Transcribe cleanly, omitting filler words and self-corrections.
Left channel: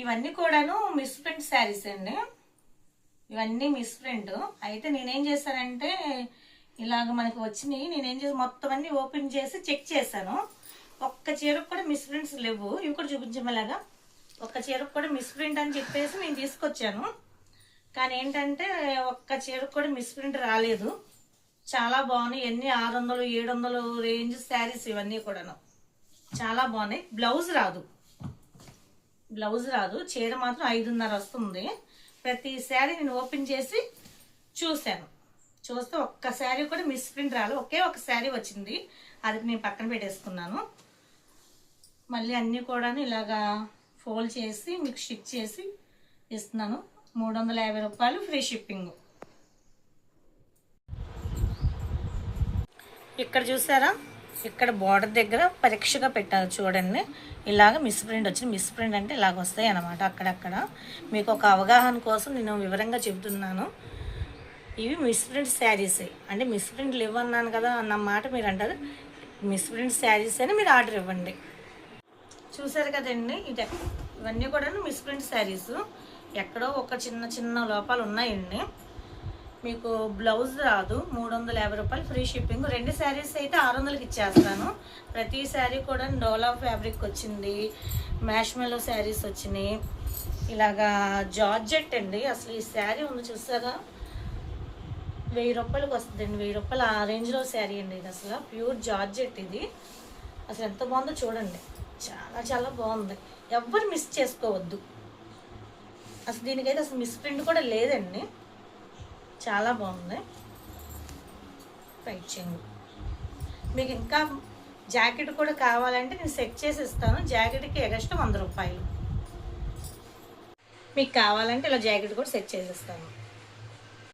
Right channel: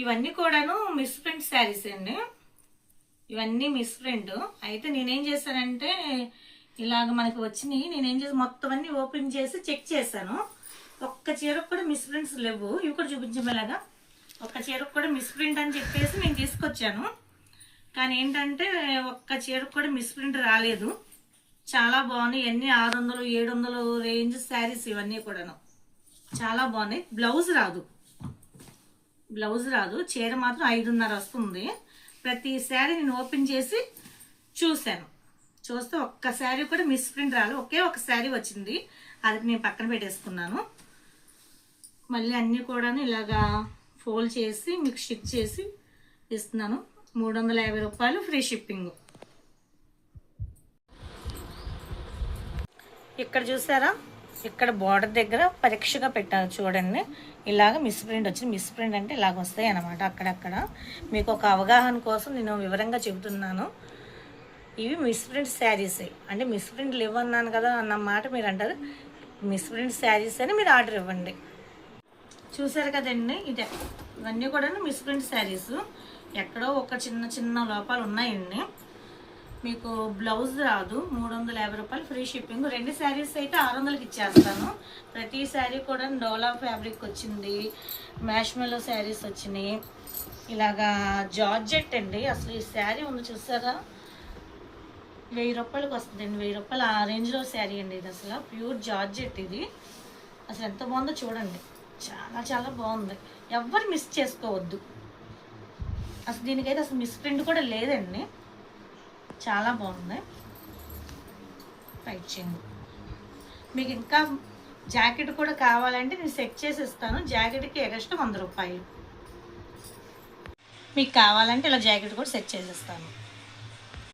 ఇవన్నీ కూడాను miss print saris అండి. ఇవన్నీ మిస్ ప్రింట్. అయితే నేనేం చేశానంటే ఇలాగ మనకి వచ్చినాయి. నేనేం చేసి మొత్తం అన్ని ఓపెన్ చేసి చెక్ చేశాను. ఒక్క చీరకు కూడా మిస్ ప్రింట్స్ లేవు. ఇవి కూడా చూపించమలాగా ఒక్క చీరకు కూడా మిస్ ప్రింట్ అని చెప్పేసి నేను తీసుకొచ్చాను. కానీ ఏంటంటే ఒక్క చీరకు కూడా మిస్ ప్రింట్ రాలేదు. చాలా బాగున్నాయి. ఇవన్నీ 600, 700 రేంజ్ శారీస్ ఇవన్నీ కూడాను చాలా బాగున్నాయి. బ్లౌజ్ రాదు. చీర మాత్రం 5.5 వస్తుంది. ప్రతి శారీ నేను ఓపెన్ చేసి చూస్తే ఒక్క శారీ కూడా మిస్ ప్రింట్ రాలేదు. ఒకే ఒక శారీ వచ్చింది. అది నేను పక్కన పెట్టేసుకున్నాను. మళ్ళీ అన్నీ కూడా ఇలాగా ఫోల్డ్ చేసి మీకు స్టిచ్ చేసి ఇస్తున్నాను. 350 రూపాయలు ఫ్రీ షిప్పింగ్. ఇక్కడ చూసారా, ఇక్కడ బార్డర్ దగ్గర పరీక్షగా పెట్టారు చూడండి. ఇలాగ మిస్ ప్రింట్ వచ్చింది. మిస్ ప్రింట్ అంటే ఇలాగ వస్తాయి అన్నమాట. అక్కడక్కడ మీకు ఒక అవగాహన కోసం నేను వివరంగా చెబుతున్నాను. ఇవి మిస్ ప్రింట్ శారీసే. అంటే మిస్ ప్రింట్ ఇవ్వన్నాను కదా అన్న మాట మీరు అంటారు. మిస్ ప్రింట్ శారీస్ అని మీరు ఆర్డర్ ఇవ్వండి. చూసారు కదండి, ఇవన్నీ కూడా మిస్ ప్రింట్ శారీస్. ఎక్కడో ఒక చిన్న లోపాలు ఉన్నాయండి. మీకు బ్లౌజ్ రాదు. 350 రూపాయలు ఫ్రీ షిప్పింగ్. 2 శారీస్ అయితే 600కి ఇచ్చేస్తాను. ప్రతి శారీ కూడా డోలా ఫ్యాబ్రిక్ వచ్చింది. మ్యాష్మెలో శారీస్ వచ్చినాయి. ఇలాగా జార్జెట్ అండి. అసలు ఈ శారీ ఉంది చూసారా, 1000 రూపాయలకి వస్తుందండి. 1000 రూపాయలు ఆ రేంజ్లో శారీ అండి. ఇది అసలు ప్యూర్ జార్జెట్. ఇది అసలు ఎంత బాగుందో చూడండి. చాలా బాగుంది. ఎవ్వరు మిస్ చేసుకోవద్దు. అసలు దీనికైతే అసలు మిస్ ప్రింట్ కూడా లేదండి. చాలా బాగుంది. రైట్ చేయండి. మీకు ఇంకా జాకెట్ కూడా కావాలంటే నేను సెట్ చేసి ఇస్తాను. జాకెట్కి ఎగస్ట్రా 100 రూపాయలు. మీకు కావాలంటే ఇలా జాకెట్ కూడా సెట్ చేసి ఇస్తాను.